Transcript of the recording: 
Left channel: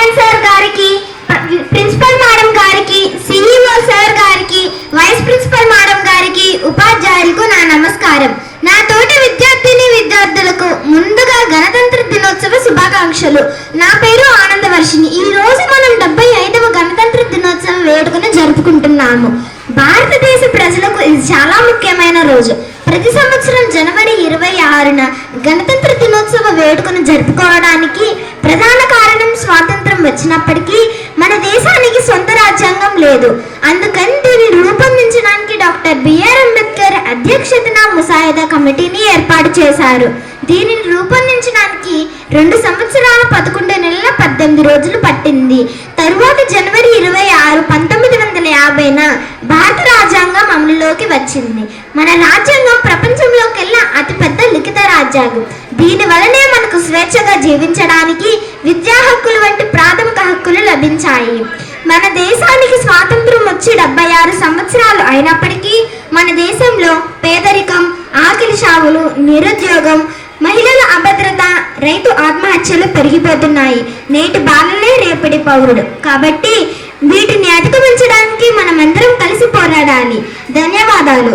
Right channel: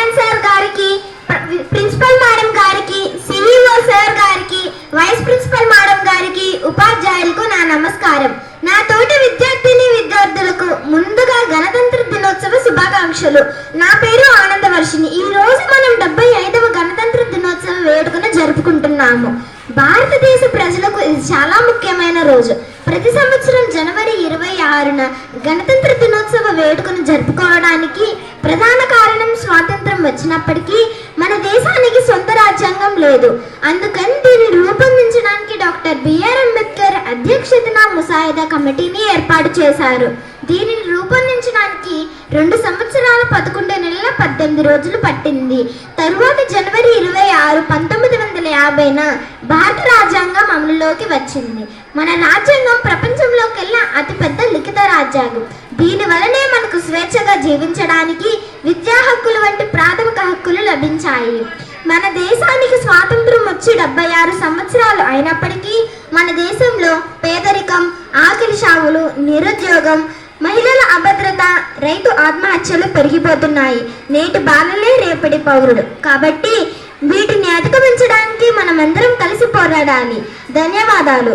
Chairman sir గారికి, principal madam గారికి, CEO sir గారికి, వైస్ ప్రిన్సిపల్ మేడం గారికి, ఉపాధ్యాయులకు నా నమస్కారం. నా తోటి విద్యార్థులకు ముందుగా గణతంత్ర దినోత్సవ శుభాకాంక్షలు. నా పేరు ఆనందవర్షిణి. ఈ రోజు మనం 75వ గణతంత్ర దినోత్సవ వేడుకను జరుపుకుంటున్నాము. భారతదేశ ప్రజలకు ఇది చాలా ముఖ్యమైన రోజు. ప్రతి సంవత్సరం జనవరి 26న గణతంత్ర దినోత్సవ వేడుకను జరుపుకోవడానికి ప్రధాన కారణం స్వాతంత్రం వచ్చినప్పటికీ మన దేశానికి సొంత రాజ్యాంగం లేదు. అందుకని దీన్ని రూపొందించడానికి డాక్టర్ బిఆర్ అంబేద్కర్ అధ్యక్షతన ముసాయిదా కమిటీని ఏర్పాటు చేశారు. దీనిని రూపొందించడానికి 2 సంవత్సరాల 11 నెలల 18 రోజులు పట్టింది. తరువాత జనవరి 26, 1950న భారత రాజ్యాంగం అమలులోకి వచ్చింది. మన రాజ్యాంగం ప్రపంచంలోకెల్లా అతిపెద్ద లిఖిత రాజ్యాంగం. దీని వలనే మనకు స్వేచ్ఛగా జీవించడానికి విద్యా హక్కులు వంటి ప్రాథమిక హక్కులు లభించాయి. మన దేశానికి స్వాతంత్రం వచ్చి 76 సంవత్సరాలు అయినప్పటికీ మన దేశంలో పేదరికం, ఆకలి చావులు, నిరుద్యోగం, మహిళల అభద్రత, రైతు ఆత్మహత్యలు పెరిగిపోతున్నాయి. నేటి బాలలే రేపటి పౌరుడు. కాబట్టి వీటిని అధిగమించడానికి మనమందరం కలిసి పోరాడాలి. ధన్యవాదాలు.